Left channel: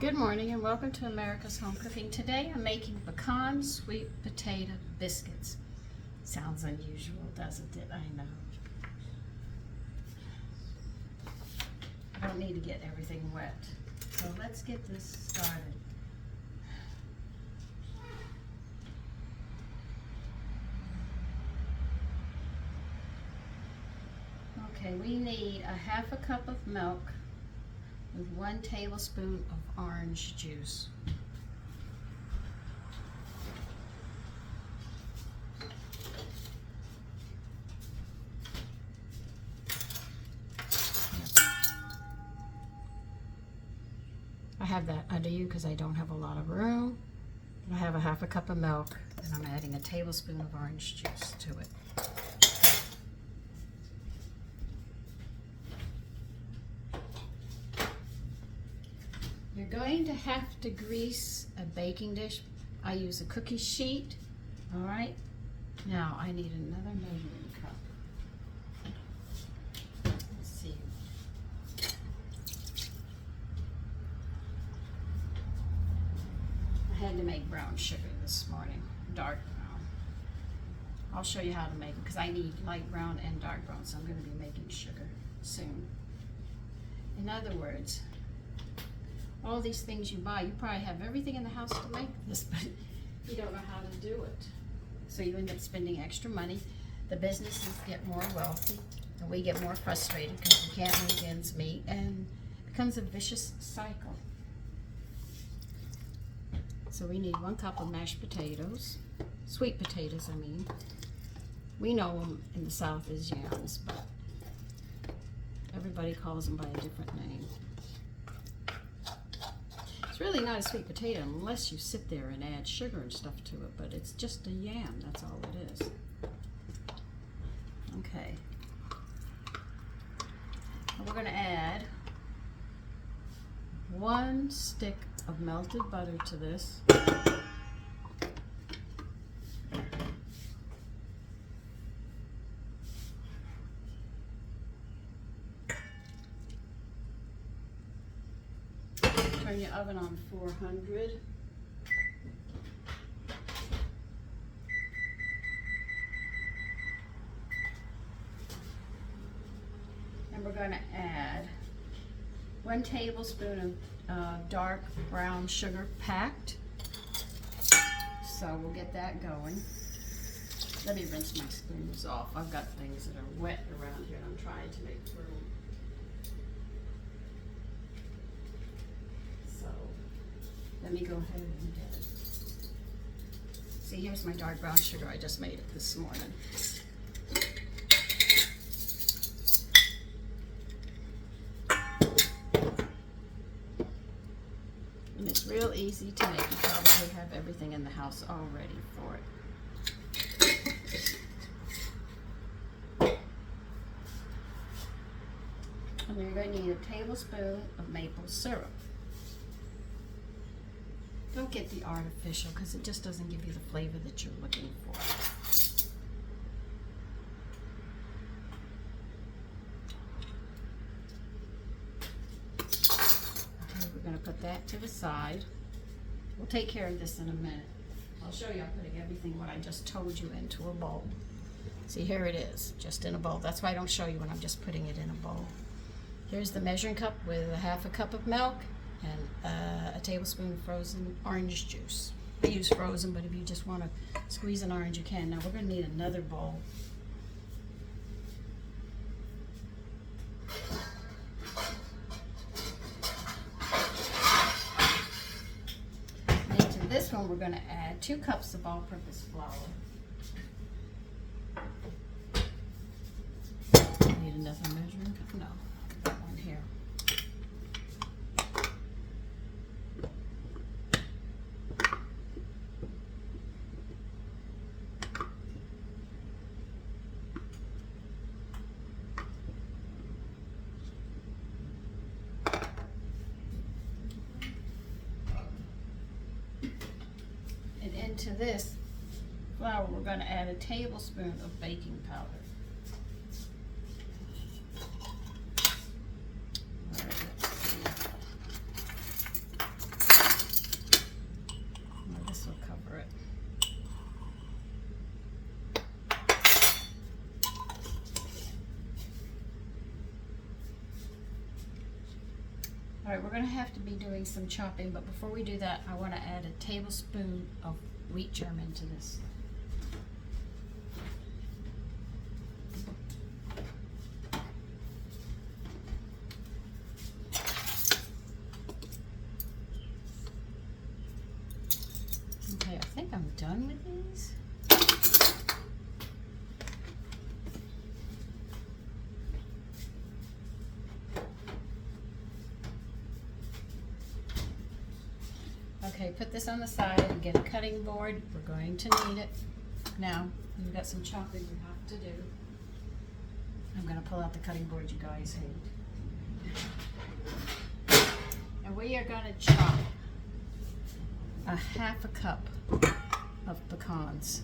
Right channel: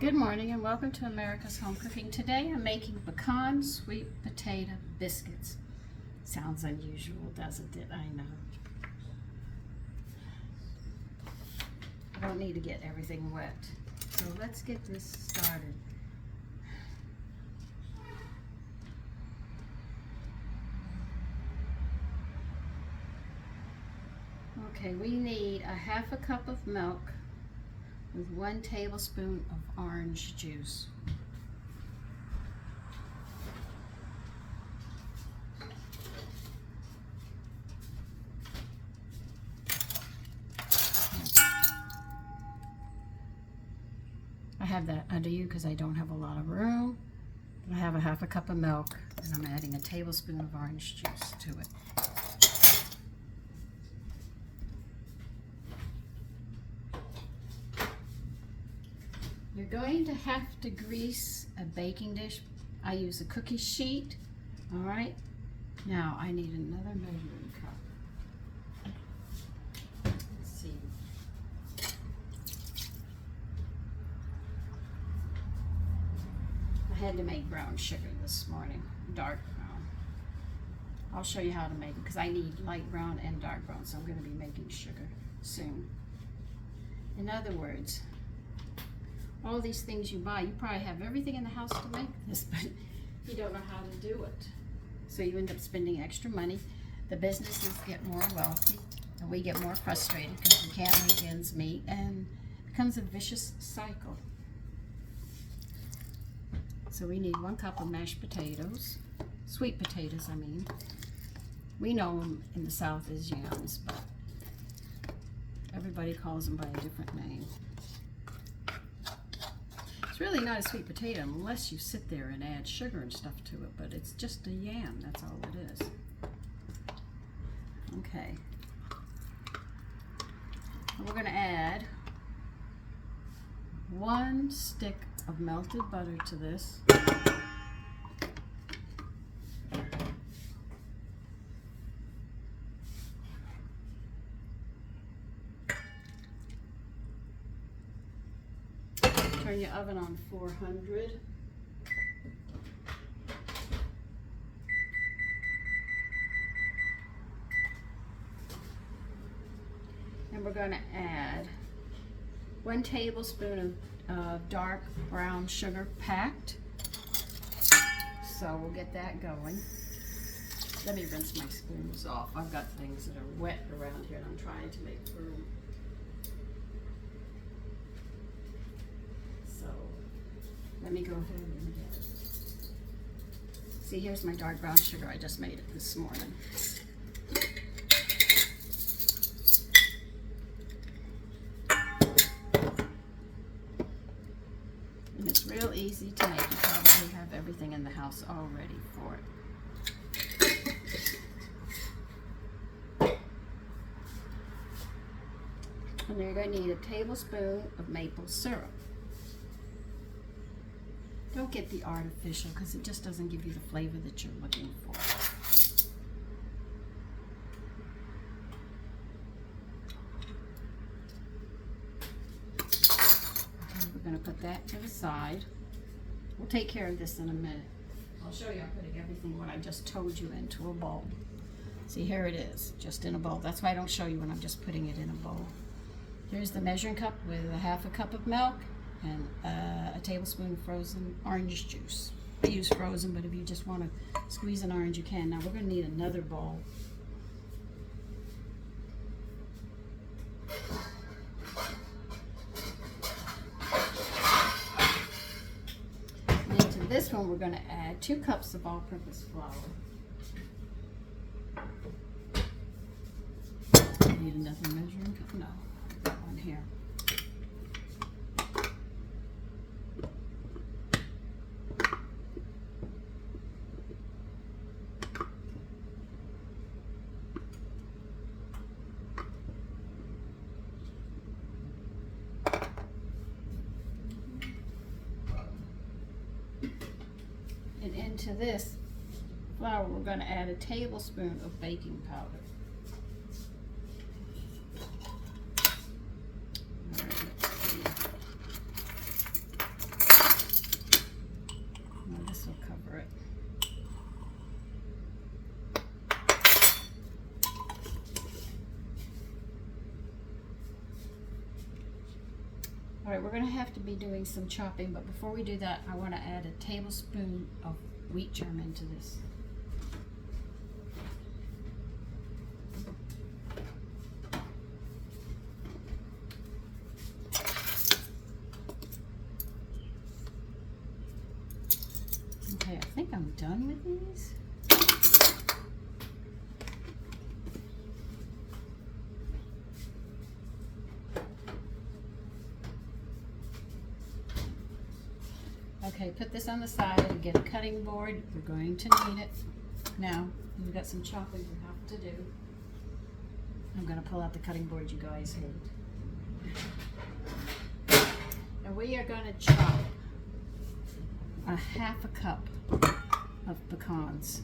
Good morning and welcome to America's Home Cooking. Today I'm making pecan sweet potato biscuits. Sounds unusual, doesn't it? I know. I don't need to get everything wet. So let's get this started. Okay, we need a half a cup of milk with 1 tablespoon of orange juice. I have that under you because I don't have a lot of room. I have a half a cup of milk and I'm adding a tablespoon of orange juice to it. You're going to have to grease a baking dish. I use a cookie sheet. All right. Now I need another measuring cup. Let's see. I had to make brown sugar this morning, dark brown. I'll show you how to make it because I need light brown and dark brown, so I'm going to be making sugar soon. In other words, all these things you buy, you probably have everything in the house to make this, but you don't know how to do it. So you end up spending extra money. The businesses get more wealthy, and we get more frustrated because we can't make ends meet, and it becomes a vicious cycle. So we need 1 cup of mashed potatoes, sweet potatoes, I mean. We know them in the South as yams, but everybody calls them by a different name. It's really not a sweet potato unless you sit there and add sugar and stuff to it, but it's just a yam, that's all it is. Okay. And we're gonna add 1 stick of melted butter to this. Turn your oven on 400. And we're going to add 1 tablespoon of dark brown sugar packed. So we'll get that going. Let me rinse my spoons off. I've got things that are wet around here and I'm trying to make room. Let me go ahead and get it. See, here's my dark brown sugar. I just made it this morning. And it's real easy to make. You probably have everything in the house already for it. And you're going to need a tablespoon of maple syrup. Don't get the artificial because it just doesn't give you the flavor that you're looking for. Okay, we're going to put that to the side. We'll take care of this in a minute. I'll show you I'm putting everything what I just told you into a bowl. See, here it is, just in a bowl. That's why I don't show you when I'm just putting it in a bowl. Here's the measuring cup with a half a cup of milk and a tablespoon of frozen orange juice. I use frozen, but if you just want to squeeze an orange, you can. Now we're going to need another bowl. And into this one, we're going to add 2 cups of all-purpose flour. Need another measuring cup? No, one here. And into this flour, we're going to add a tablespoon of baking powder. All right, we're going to have to be doing some chopping, but before we do that, I want to add a tablespoon of wheat germ into this. Okay, I think I'm done with these. Okay, put this on the side and get a cutting board. We're going to need it. Now, we've got some chopping we have to do. I'm going to pull out the cutting board you guys hate. And we are going to chop a half a cup of pecans.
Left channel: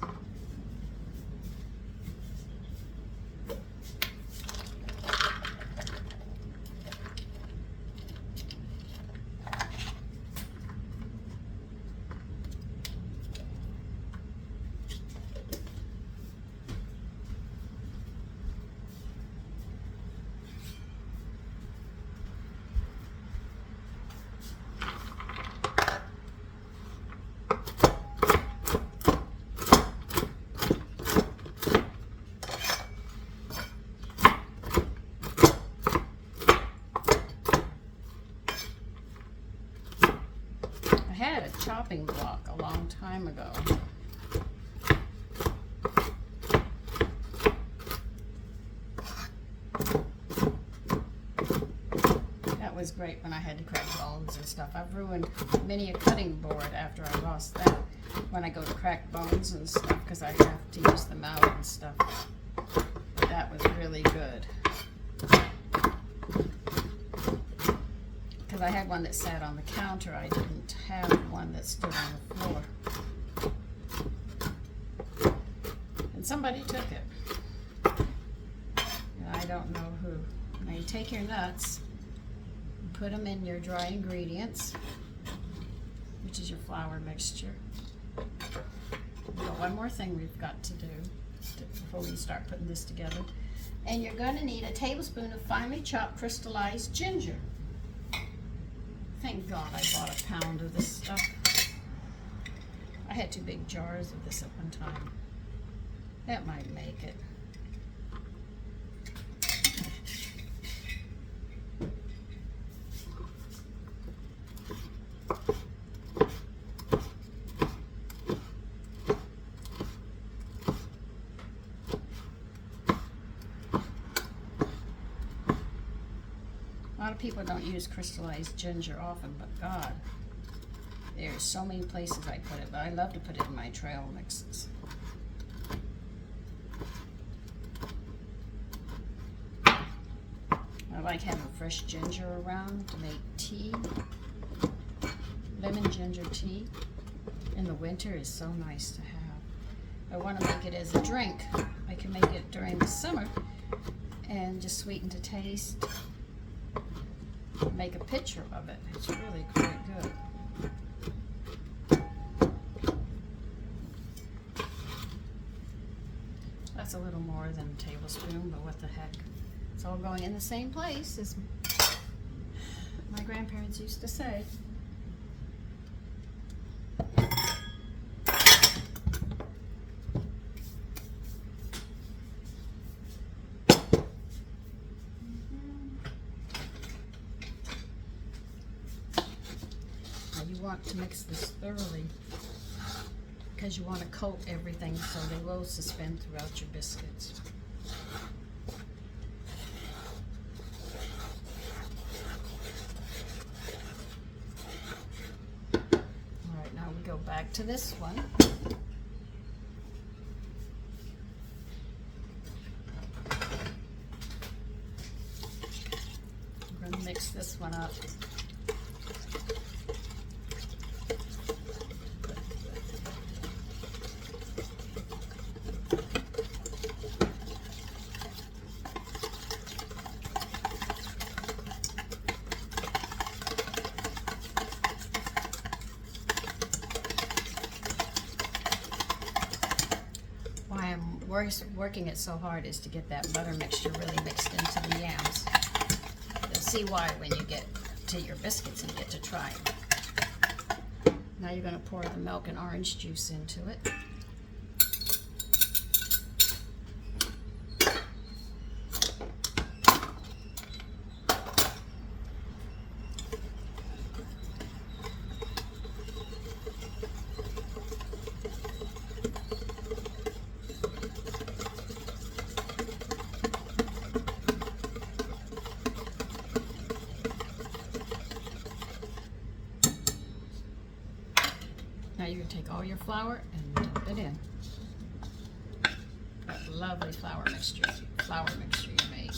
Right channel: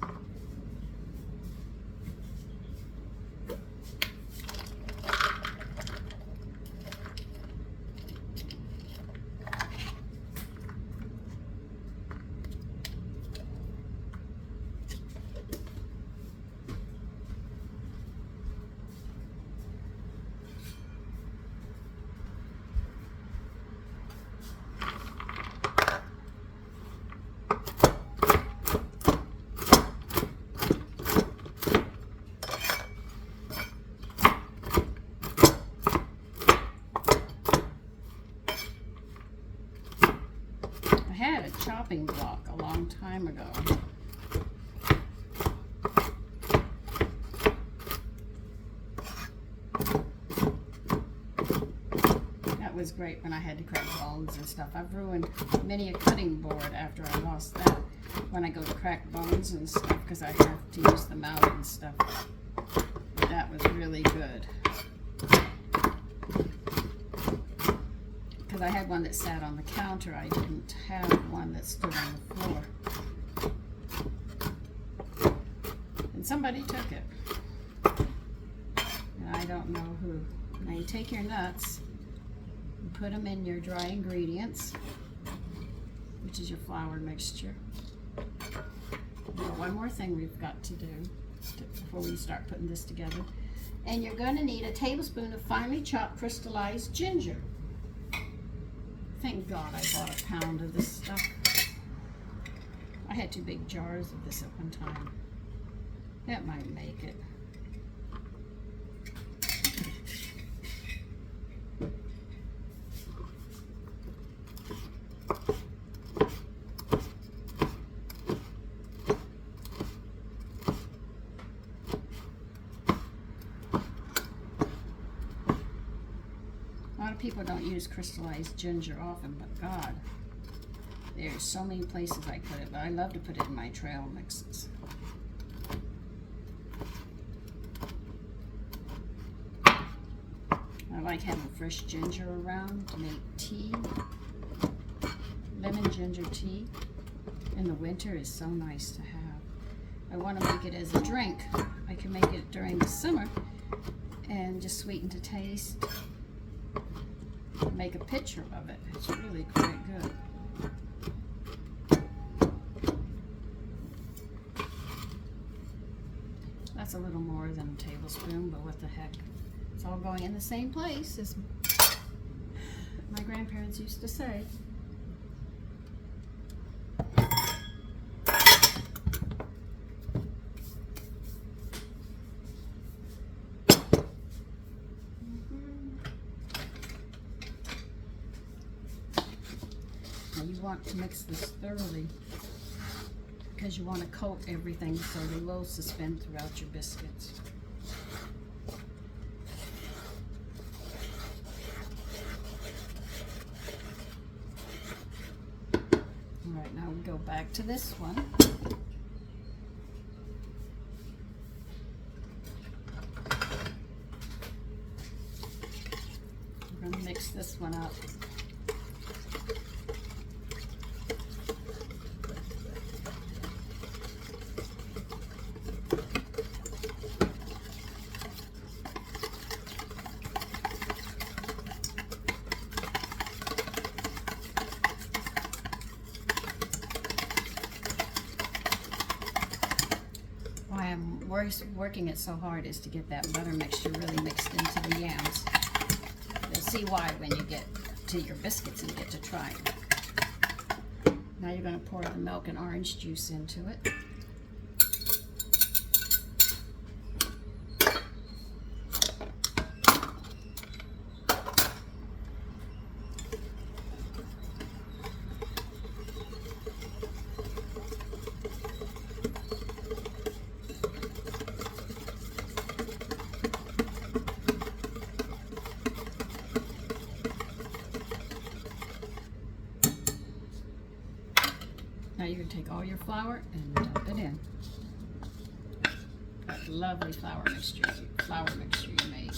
Chopping block a long time ago. That was great when I had to crack bones and stuff. I've ruined many a cutting board after I lost that when I go to crack bones and stuff because I have to use them out and stuff. But that was really good. I had one that sat on the counter. I didn't have one that stood on the floor. And somebody took it. I don't know who. Now you take your nuts and put them in your dry ingredients, which is your flour mixture. Now, one more thing we've got to do before we start putting this together. And you're going to need a tablespoon of finely chopped crystallized ginger. Thank God I bought a pound of this stuff. I had 2 big jars of this at one time. That might make it. People don't use crystallized ginger often, but God, there's so many places I put it, but I love to put it in my trail mixes. I like having fresh ginger around to make tea. Lemon ginger tea in the winter is so nice to have. I want to make it as a drink. I can make it during the summer and just sweeten to taste. Make a picture of it. It's really quite good. That's a little more than a tablespoon, but what the heck. It's all going in the same place as my grandparents used to say. To mix this thoroughly because you want to coat everything so they will suspend throughout your biscuits. Alright, now we go back to this one. I'm going to mix this one up. Working it so hard is to get that butter mixture really mixed into the yams. You'll see why when you get to your biscuits and get to try it. Now you're going to pour the milk and orange juice into it. Now you're going to take all your flour and dump it in. That lovely flour mixture you made.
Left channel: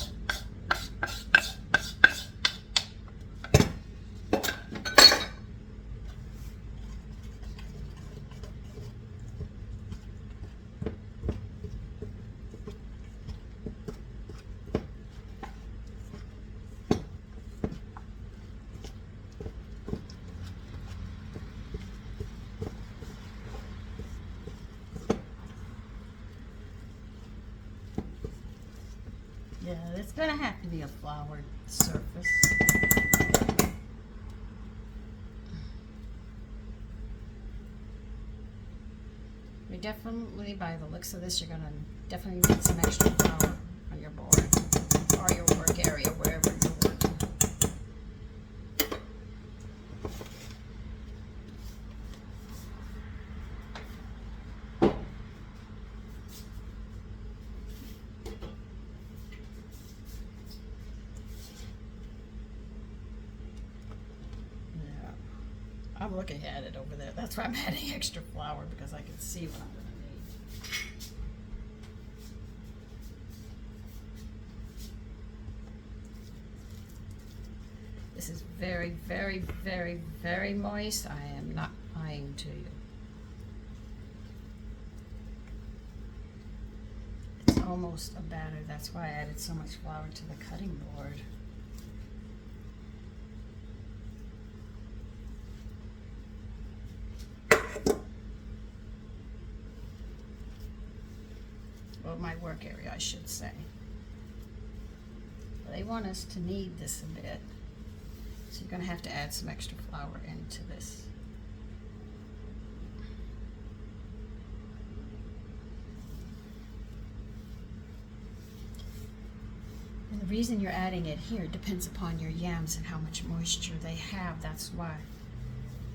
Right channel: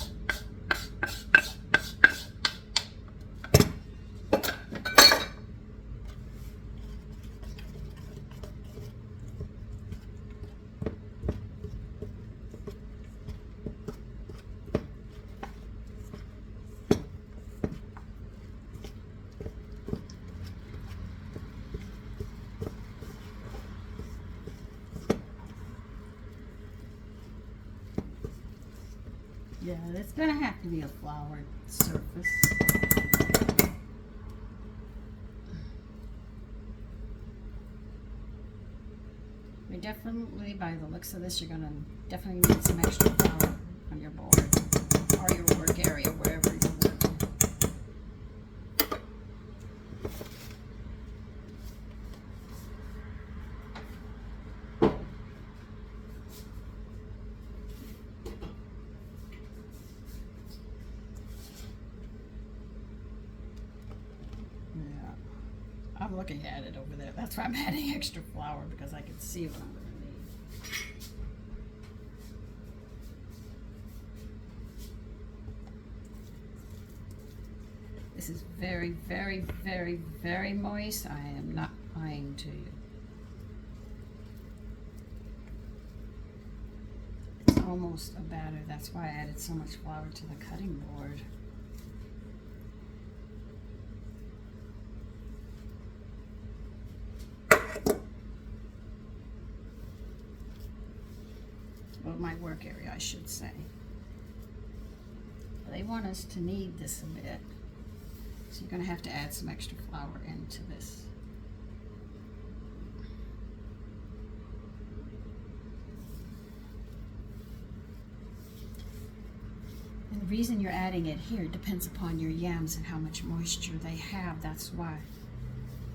Yeah, it's going to have to be a floured surface. You definitely, by the looks of this, you're going to definitely need some extra flour on your board or your work area, wherever you're working. I'm looking at it over there. That's why I'm adding extra flour, because I can see what I'm going to need. This is very, very, very, very moist. I am not lying to you. It's almost a batter. That's why I added so much flour to the cutting board. Well, my work area, I should say. They want us to knead this a bit, so you're going to have to add some extra flour into this. And the reason you're adding it here depends upon your yams and how much moisture they have. That's why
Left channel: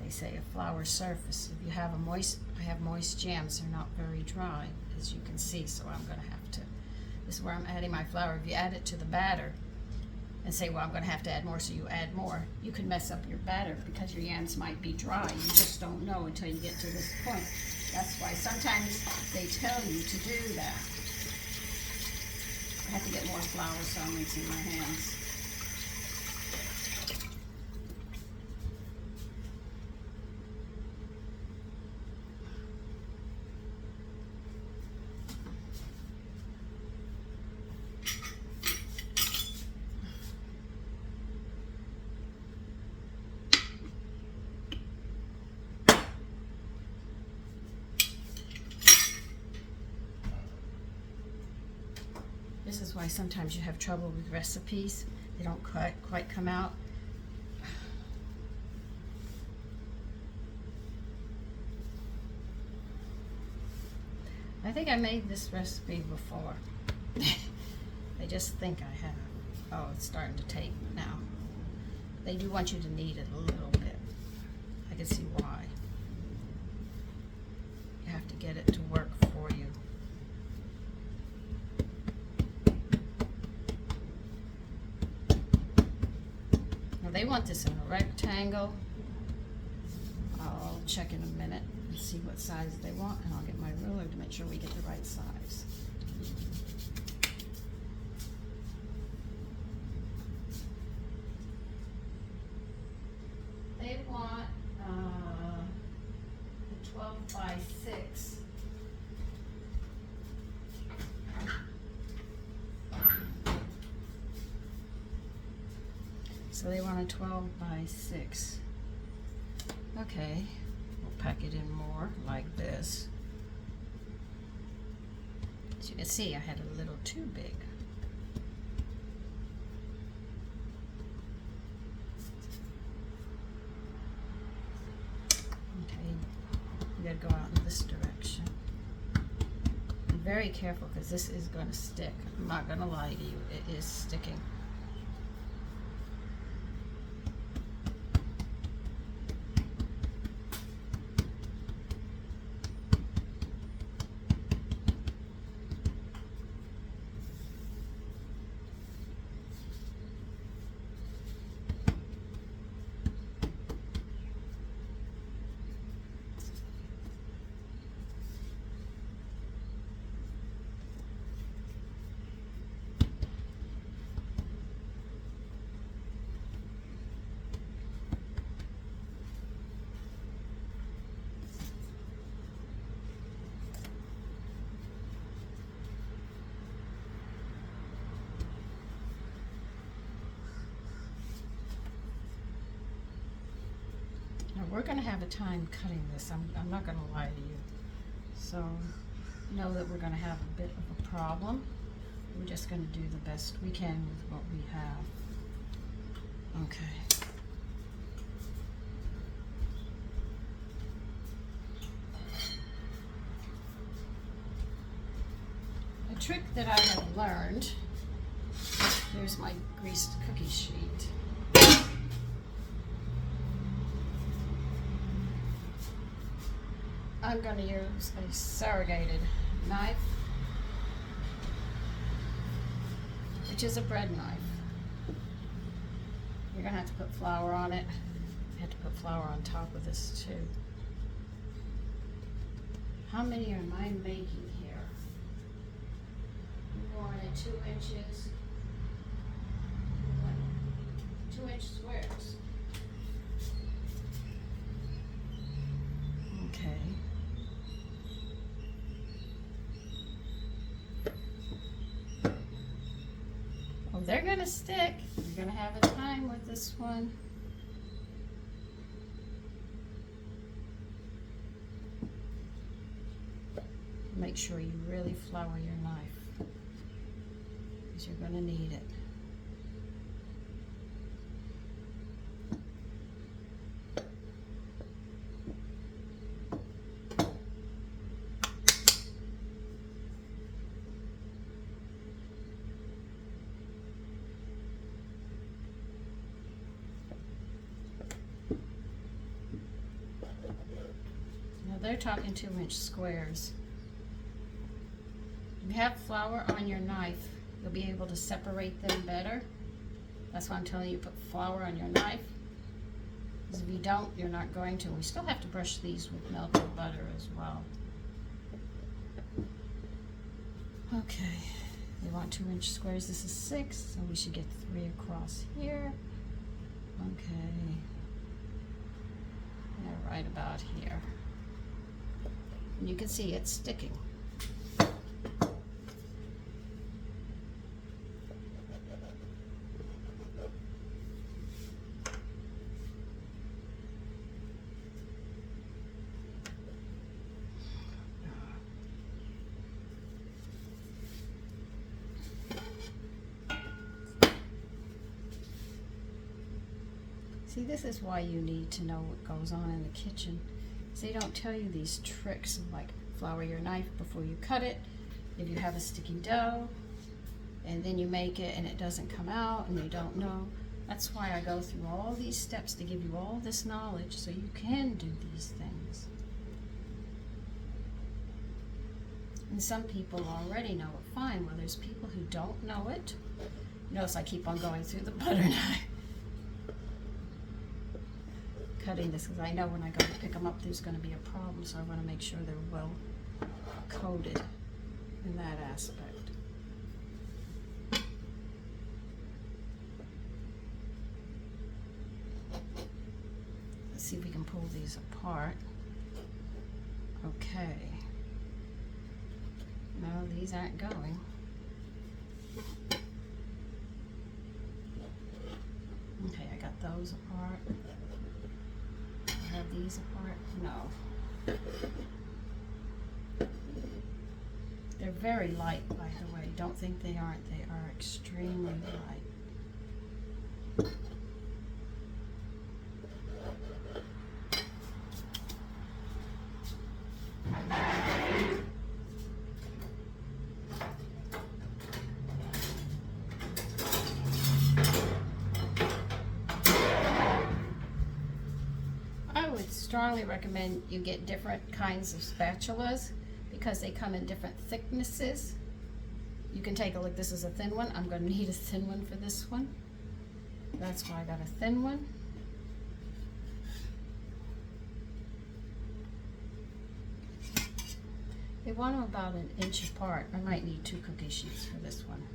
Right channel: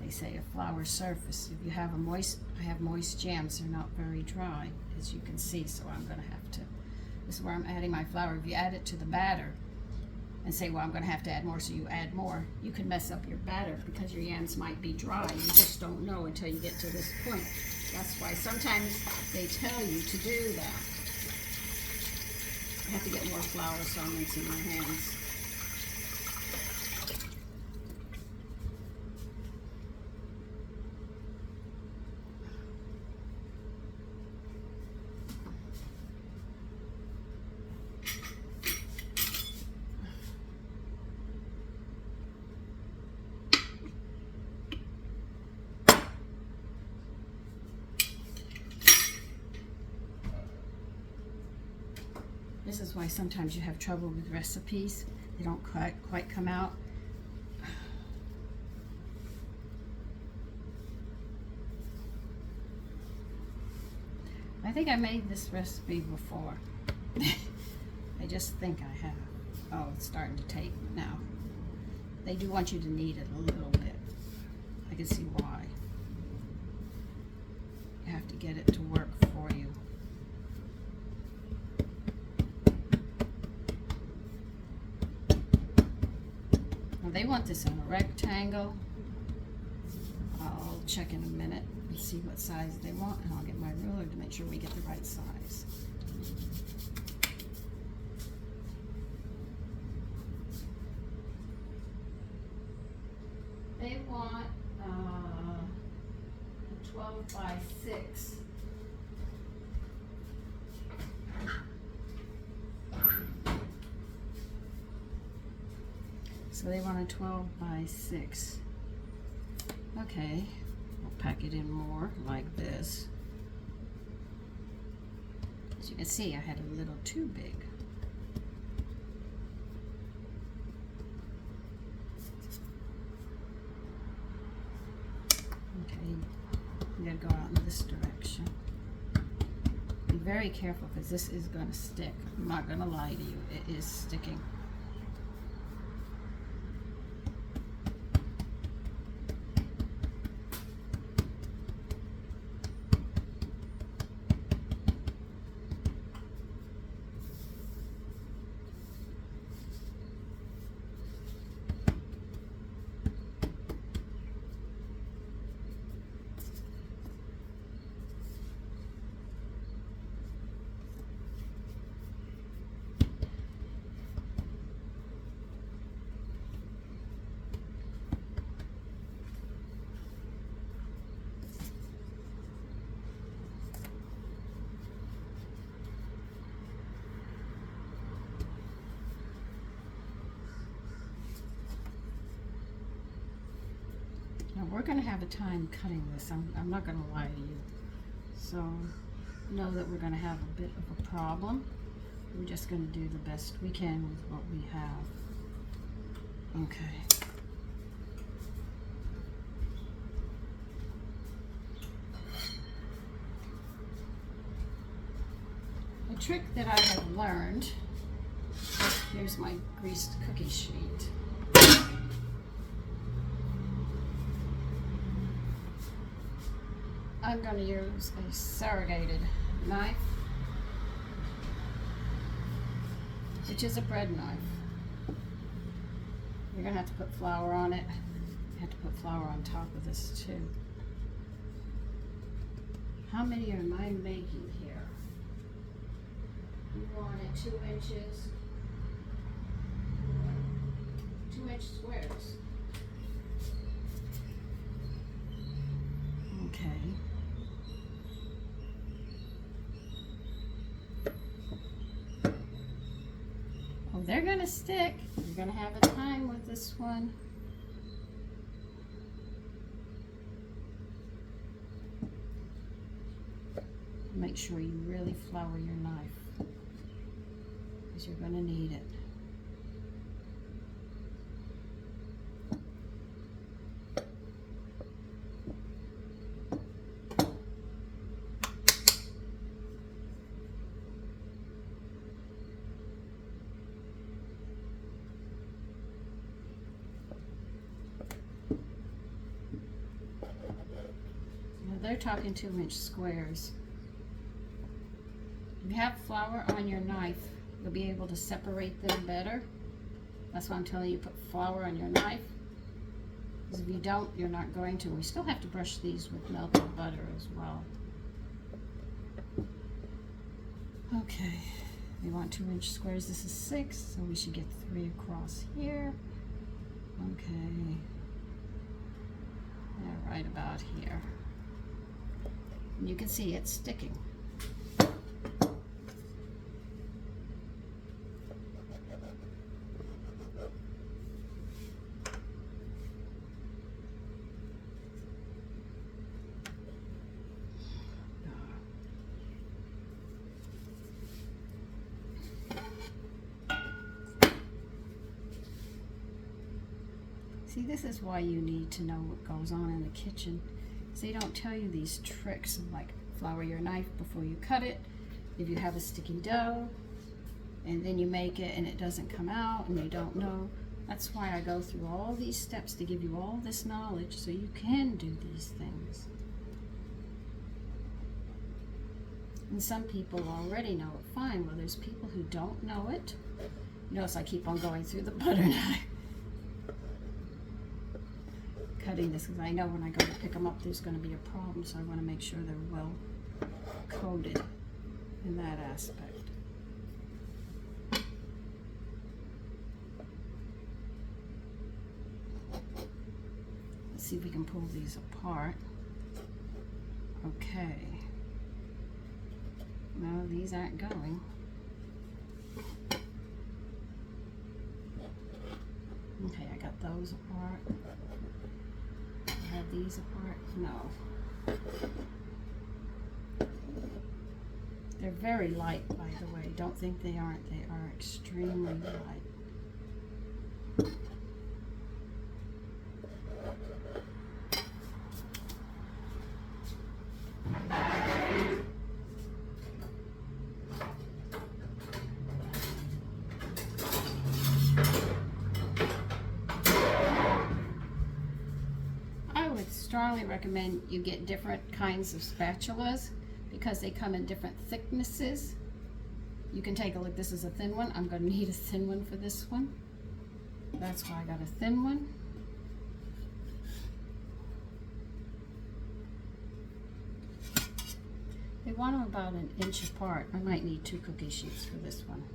they say a flour surface. If you have I have moist yams, they're not very dry, as you can see, so I'm going to have to, this is where I'm adding my flour. If you add it to the batter and say, well, I'm going to have to add more, so you add more, you can mess up your batter because your yams might be dry. You just don't know until you get to this point. That's why sometimes they tell you to do that. I have to get more flour, so I'm rinsing my hands. This is why sometimes you have trouble with recipes. They don't quite come out. I think I made this recipe before. I just think I have. Oh, it's starting to take now. They do want you to knead it a little bit. I can see why. You have to get it to work for you. They want this in a rectangle. I'll check in a minute and see what size they want, and I'll get my ruler to make sure we get the right size. They want 12 by 6. So they want a 12 by 6. Okay, we'll pack it in more like this. As you can see, I had a little too big. go out in this direction. Be very careful because this is going to stick. I'm not going to lie to you, it is sticking. We're going to have a time cutting this. I'm not going to lie to you. So know that we're going to have a bit of a problem. We're just going to do the best we can with what we have. Okay. A trick that I have learned, here's my greased cookie sheet. I'm going to use a serrated knife, which is a bread knife. You're going to have to put flour on it. You have to put flour on top of this too. How many am I making here? You want it 2 inches, 2-inch squares. Okay. They're gonna stick. You're gonna have a time with this one. Make sure you really flour your knife, because you're gonna need it. They're talking 2-inch squares. If you have flour on your knife, you'll be able to separate them better. That's why I'm telling you, put flour on your knife. Because if you don't, you're not going to. We still have to brush these with melted butter as well. Okay, we want 2-inch squares. This is 6, so we should get 3 across here. Okay, yeah, right about here. You can see it's sticking. See, this is why you need to know what goes on in the kitchen. So they don't tell you these tricks of like flour your knife before you cut it. If you have a sticky dough and then you make it and it doesn't come out and you don't know, that's why I go through all these steps to give you all this knowledge so you can do these things. And some people already know it fine. Well, there's people who don't know it. Notice I keep on going through the butter knife. Cutting this because I know when I go to pick them up there's going to be a problem, so I want to make sure they're well coated in that aspect. Let's see if we can pull these apart. Okay. No, these aren't going. Okay, I got those apart. Have these apart? No. They're very light, by the way. Don't think they aren't. They are extremely light. I strongly recommend you get different kinds of spatulas because they come in different thicknesses. You can take a look. This is a thin one. I'm going to need a thin one for this one. That's why I got a thin one. They want them about 1 inch apart. I might need 2 cookie sheets for this one.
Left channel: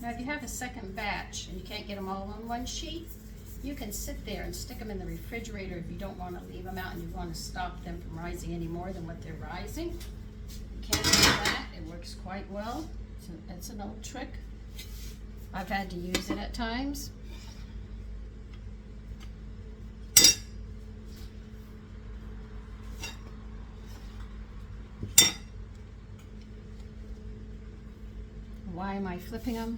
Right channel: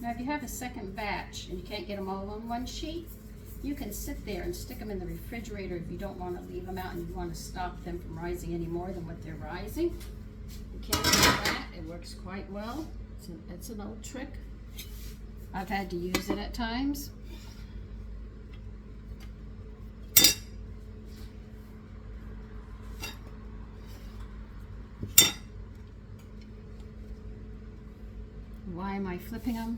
Now if you have a second batch and you can't get them all on one sheet, you can sit there and stick them in the refrigerator if you don't want to leave them out and you want to stop them from rising any more than what they're rising. You can do that. It works quite well. It's an old trick. I've had to use it at times. Why am I flipping them?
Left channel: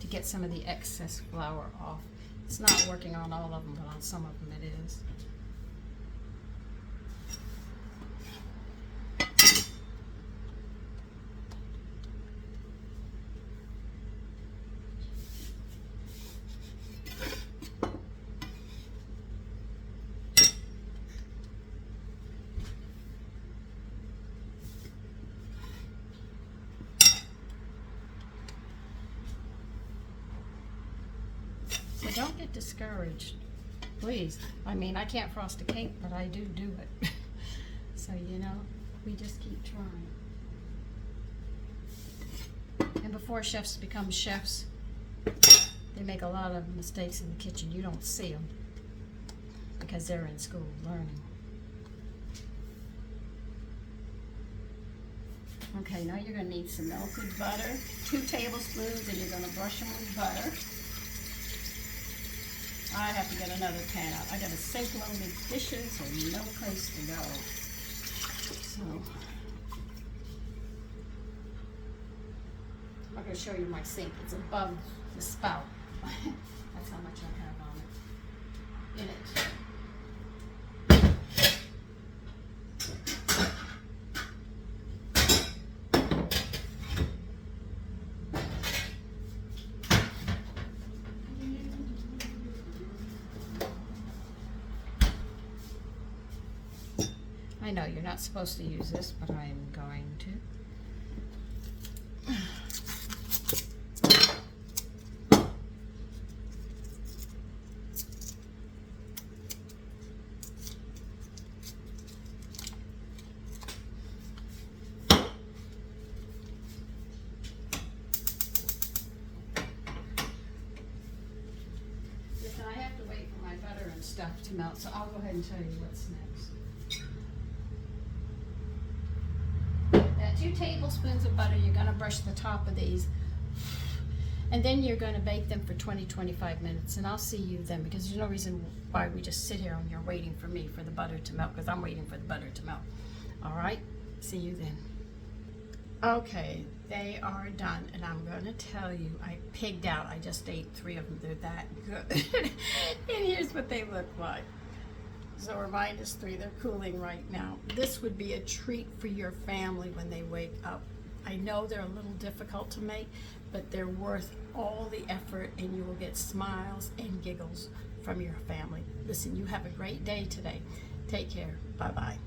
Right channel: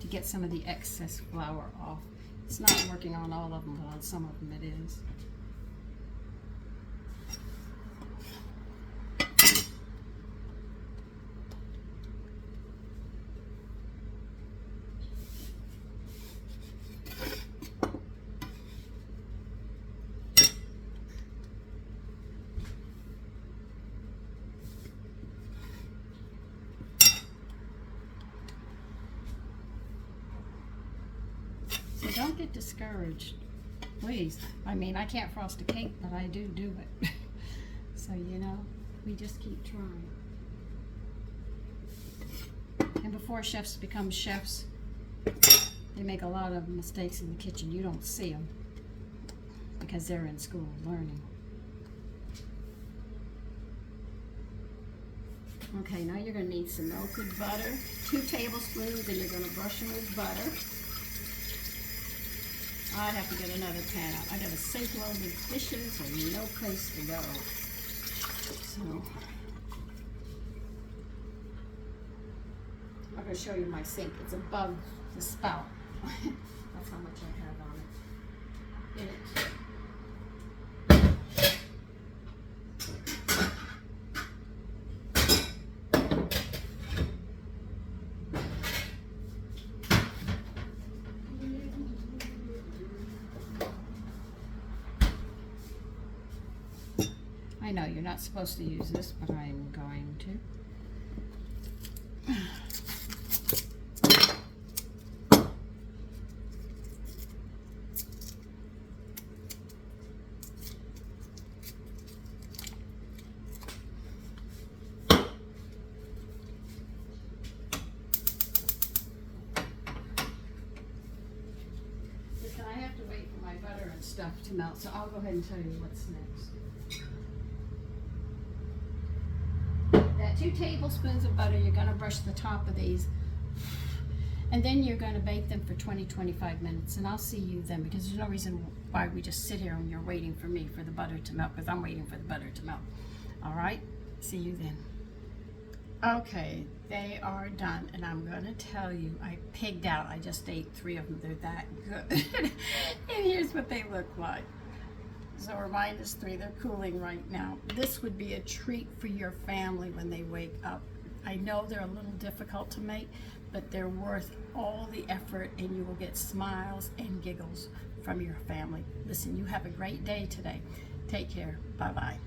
To get some of the excess flour off. It's not working on all of them, but on some of them it is. Don't get discouraged, please. I mean, I can't frost a cake, but I do it. So, you know, we just keep trying. And before chefs become chefs, they make a lot of mistakes in the kitchen. You don't see them because they're in school learning. Okay, now you're going to need some melted butter, 2 tablespoons, and you're going to brush them with butter. I have to get another pan out. I got a sink loaded dishes and no place to go. So I'm not going to show you my sink. It's above the spout. That's how much I have on it. In it. I know you're not supposed to use this, but I am going to. Listen, I have to wait for my butter and stuff to melt, so I'll go ahead and tell you what's next. 2 tablespoons of butter. You're going to brush the top of these, and then you're going to bake them for 20-25 minutes, and I'll see you then, because there's no reason why we just sit here and you're waiting for me for the butter to melt, because I'm waiting for the butter to melt. All right, see you then. Okay, they are done, and I'm going to tell you, I pigged out. I just ate 3 of them. They're that good. And here's what they look like. So we're -3, they're cooling right now. This would be a treat for your family when they wake up. I know they're a little difficult to make, but they're worth all the effort, and you will get smiles and giggles from your family. Listen, you have a great day today. Take care. Bye-bye.